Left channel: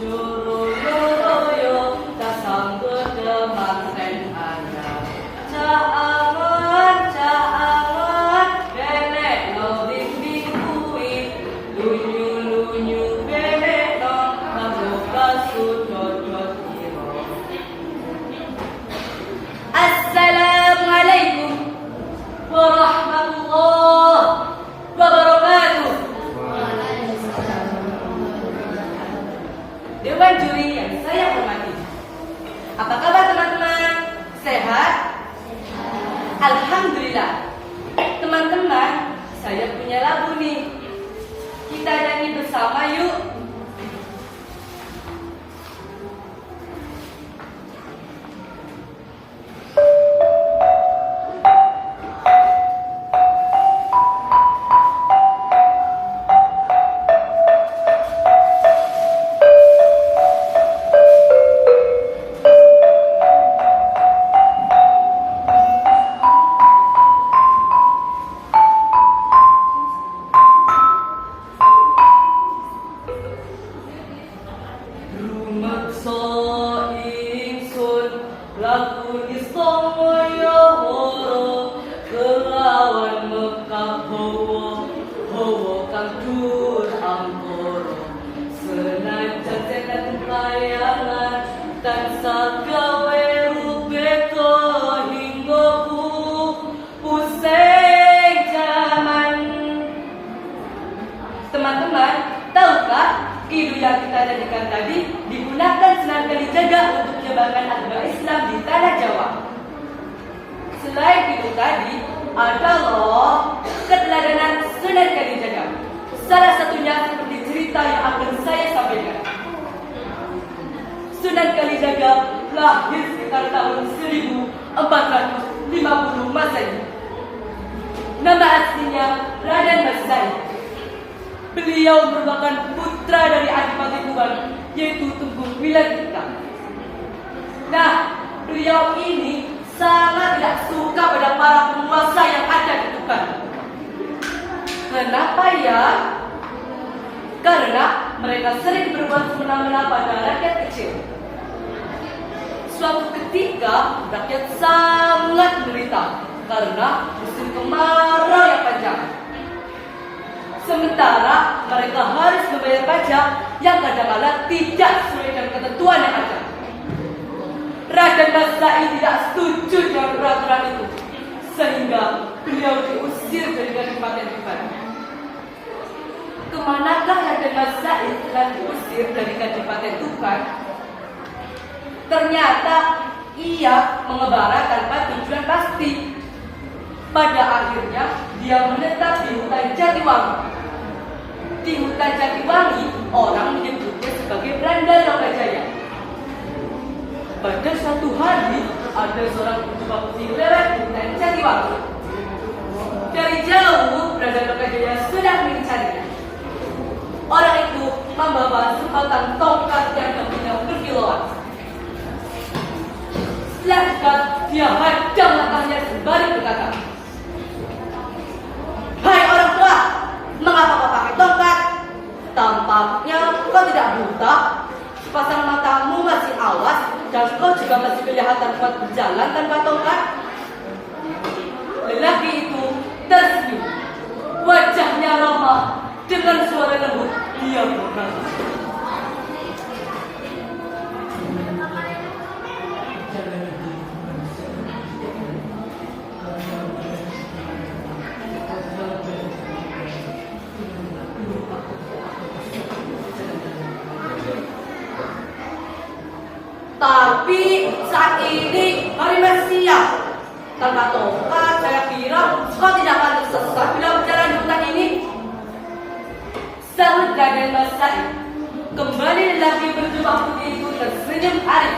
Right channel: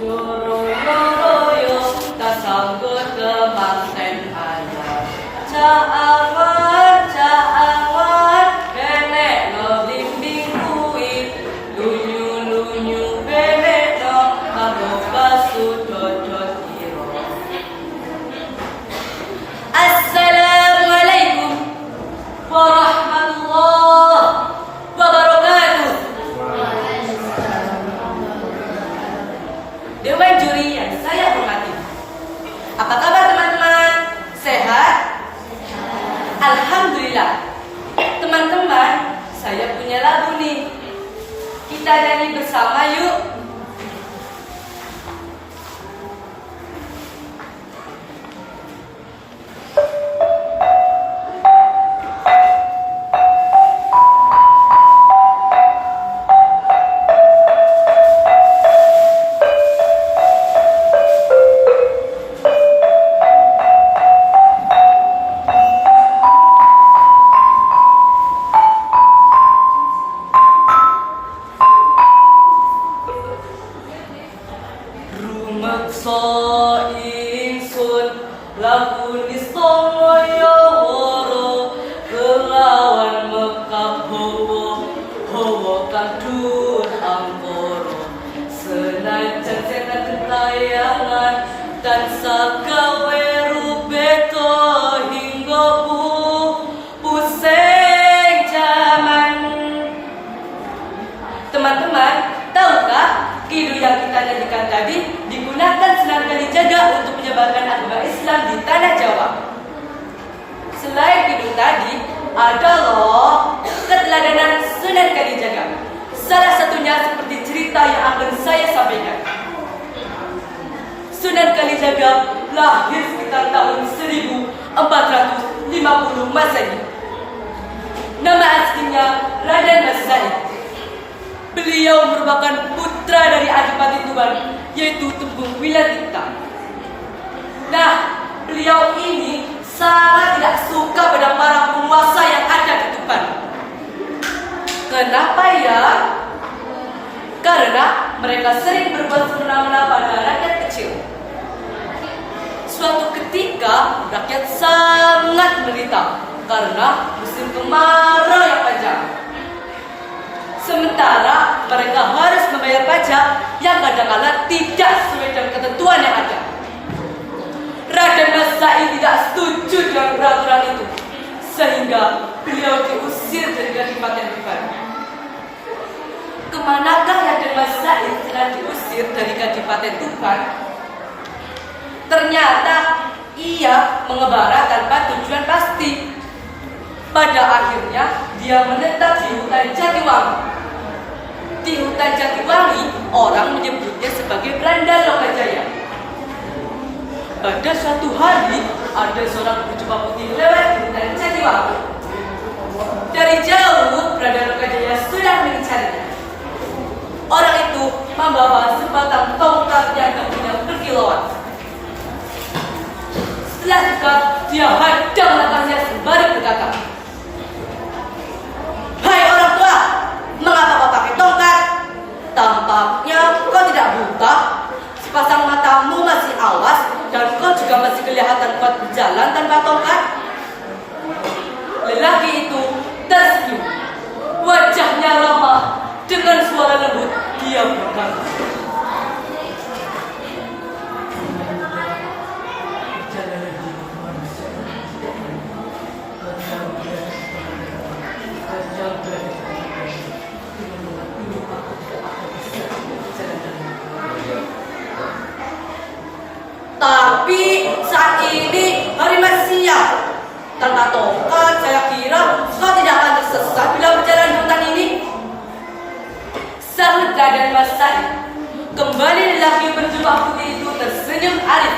Juruloroyo tak sanggup kemanten ayah. Caangan benek no bimbing kui. Lunyu benek no kamu kasudodot iro. Assalamualaikum warahmatullahi wabarakatuh. Dewan juri yang saya hormati, apa kabar teman-teman? Sehat? Alhamdulillah. Teman-teman, saya punya lagu nih. Kita nyanyi bersama yuk. Rumaksa ingsun lakuni samaya wara kelawan mekap hawa kang dhuwur angkara senajan senan gentayangan tansah gawe rubeta hingga pusing jaman. Teman-teman, tahukah Kidung yang kita nyanyikan tadi digunakan Sunan Kalijaga untuk menyebarkan agama Islam di tanah Jawa. Selain kidung tadi, ada loh keteladanan Sunan Kalijaga. Salah satunya seperti cerita yang akan saya sampaikan. Sunan Kalijaga lahir sekitar tahun 1450 Masehi. Nama aslinya Raden Mas Said. Beliau merupakan putra dari Adipati Tuban, yaitu Tembung Wilatita. Nah, beliau ini sangat tidak suka pada para penguasa yang ada di Tuban. Kenapa ya? Karena mereka sering berbuat semena-mena pada rakyat kecil. Suatu ketika, rakyat sangat menderita karena musim kemarau yang panjang. Sementara mereka harus membayar pajak yang kadang-kala tidak sesuai dengan ketentuan yang ada. Raden Mas Said tidak setuju dengan peraturan itu, sehingga beliau diusir dari Kadipaten Tuban. Kemanakah Raden Mas Said setelah diusir dari Kadipaten Tuban? Ternyata ia mengembara tanpa tujuan pasti. Pada akhirnya dia menetap di hutan Jatiwangi. Di hutan Jatiwangi, orang menyebutnya sebagai Belanda Lokajaya. Pada suatu hari, ada seorang berjubah putih lewat di hutan Jatiwangi. Dari jauh, Belanda Lokajaya sudah mengincarnya. Orang itu membawa sebatang tongkat yang kakinya berkilauan. Setelah dekat, dia hadang langkahnya sembari berkata, "Hai orang tua, mengapa kau pakai tongkat? Tampaknya kau tidak buta. Sepasang matamu masih awas dan kau juga masih kelihatan kuat berjalan tanpa tongkat." Lelaki itu tersenyum. Wajahnya ramah. Dengan suara lembut, dia berkata, "Tapi saat ini hari masih siang. Tanpa tongkat, saya kira kau tidak akan tersesat bila berjalan di hutan ini." Sahut Raden Mas Said. Kembali lelaki berjubah putih itu tersenyum arif.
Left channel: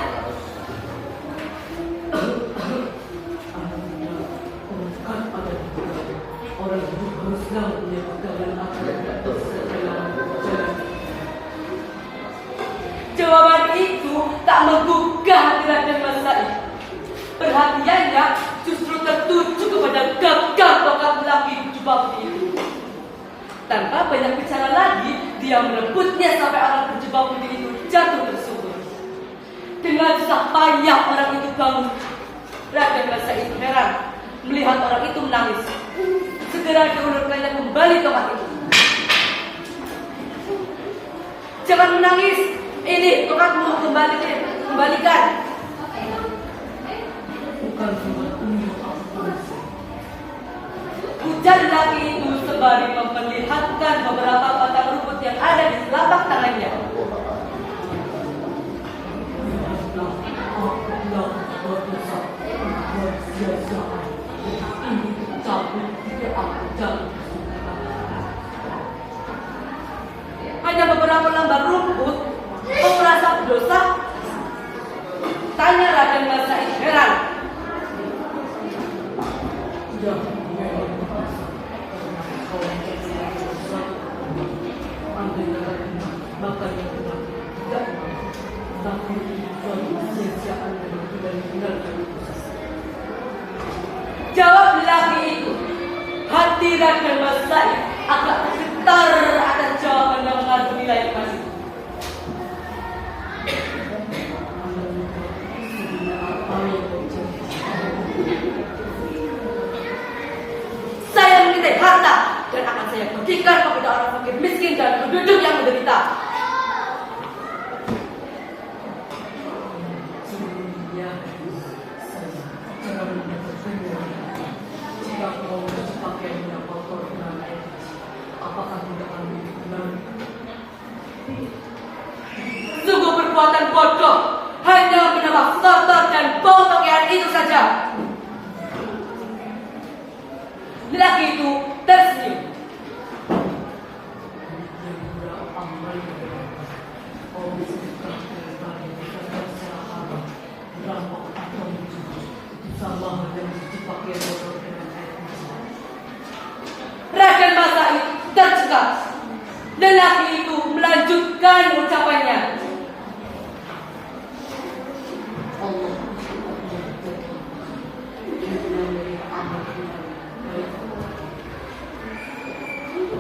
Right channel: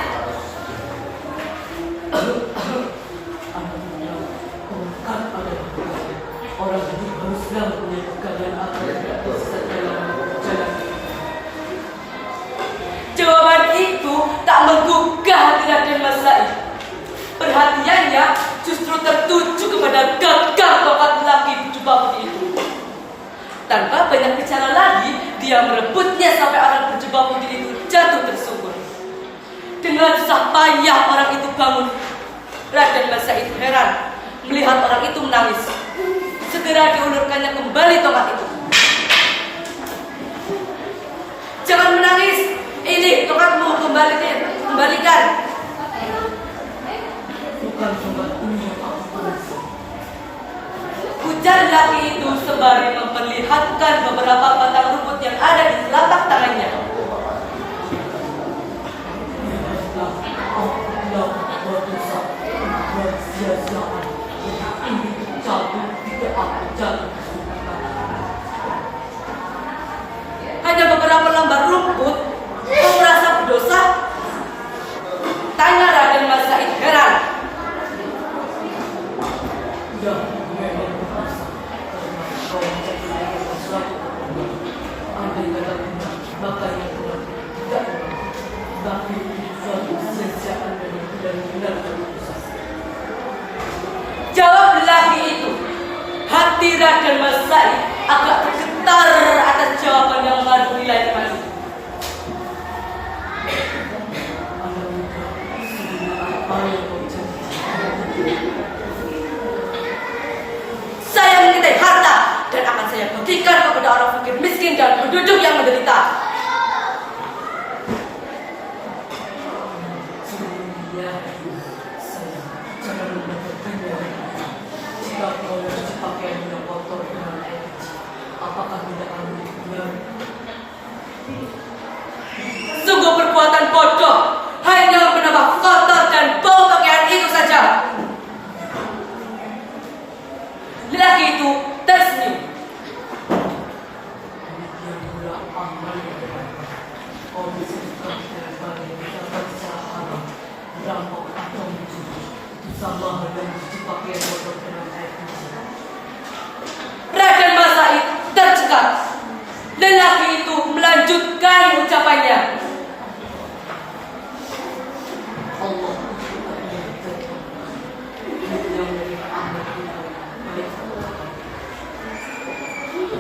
Orang hidup haruslah punya pegangan apa yang tidak tersesat dalam jalan. Jawaban itu tak menggugah hati Raden Mas Said. Perhatiannya justru tertuju kepada gagang tongkat lelaki berjubah putih itu. Tanpa banyak bicara lagi, dia merebutnya sampai orang berjubah putih itu jatuh tersungkur. Dengan susah payah orang itu bangun. Raden Masaid heran melihat orang itu menangis. Segera diulurkannya kembali tongkat itu. Jangan menangis, ini tongkatmu, kembalikan. Bukan tongkatku yang aku ujar laki itu sembari memperlihatkan beberapa batang rumput yang ada di telapak tangannya. Hanya beberapa lembar rumput, kau merasa berdosa? Tanya Raden Masaid heran. Ya, memang berdosa karena kau menjadi sesuatu. Andai kata benar, maka yang benar tidak benar. Tapi suatu sia-siaan memang benar-benar berdosa. Jawab lelaki itu. Hati Raden Masaid agak tergetar atas jawaban yang mengandung nilai iman. Saya mencintai harta dan akan saya bagikan kepada orang fakir miskin dan penduduk yang menderita. Jika kau mencuci pakaian yang kotor dengan air kecil, apakah tidak akan menjadi kembali? Sungguh perbuatan bodoh, hanya menambah kotor dan bau pakaian itu saja. Lelaki itu tersenyum. Raden Masaid tercekat. Lelaki itu melanjutkan ucapannya.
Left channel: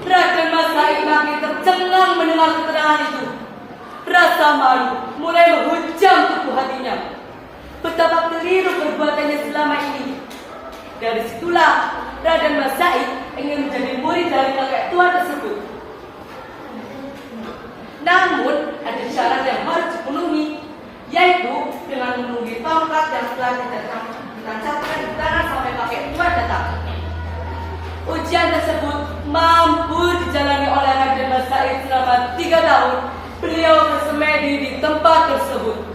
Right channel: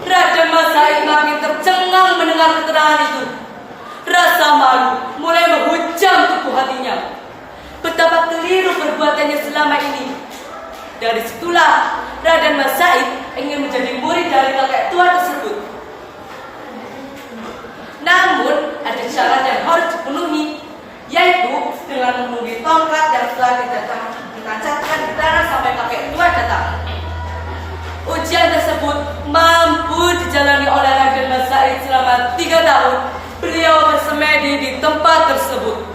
Raden Masaid makin tercengang mendengar keterangan itu. Rasa malu mulai menghujam tubuh hatinya. Betapa keliru perbuatannya selama ini. Dari situlah Raden Masaid ingin menjadi murid dari kakek tua tersebut. Namun ada syarat yang harus dipenuhi, yaitu dengan menunggu tongkat yang telah ditancapkan di tanah sampai kakek tua datang. Ujian tersebut mampu dijalani oleh Raden Masaid selama 3 tahun. Beliau bersemedi di tempat tersebut.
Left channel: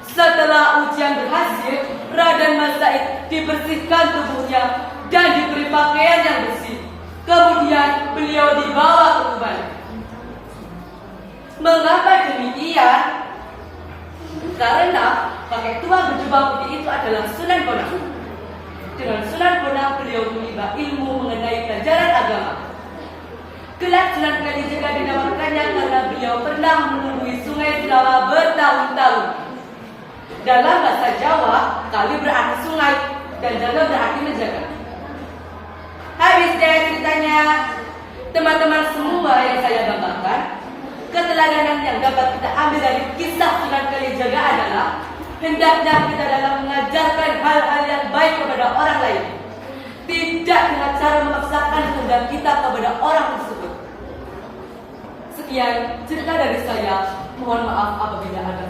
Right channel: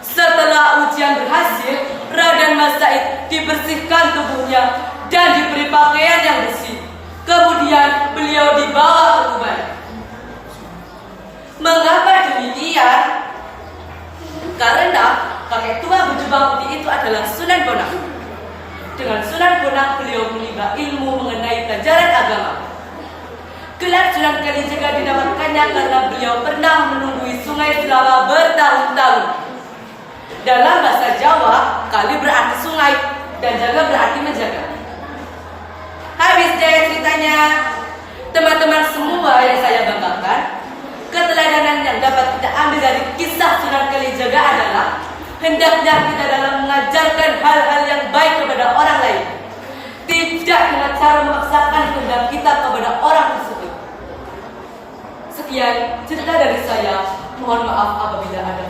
Setelah ujian berhasil, Raden Masaid dibersihkan tubuhnya dan diberi pakaian yang bersih. Kemudian beliau dibawa ke Tuban. Mengapa demikian? Karena kakek tua berjubah putih itu adalah Sunan Bonang. Dengan Sunan Bonang beliau menimba ilmu mengenai pelajaran agama. Gelar Sunan Kalijaga didapatkannya karena beliau pernah menunggui sungai selama bertahun-tahun. Dalam bahasa Jawa, kali berarti sungai dan jaga berarti menjaga. Habis deh ceritanya. Teman-teman semua yang saya banggakan, keteladanan yang dapat kita ambil dari kisah Sunan Kalijaga adalah hendaknya kita dalam mengajarkan hal-hal yang baik kepada orang lain, tidak dengan cara memaksakan kehendak kita kepada orang tersebut. Sekian cerita dari saya. Mohon maaf apabila ada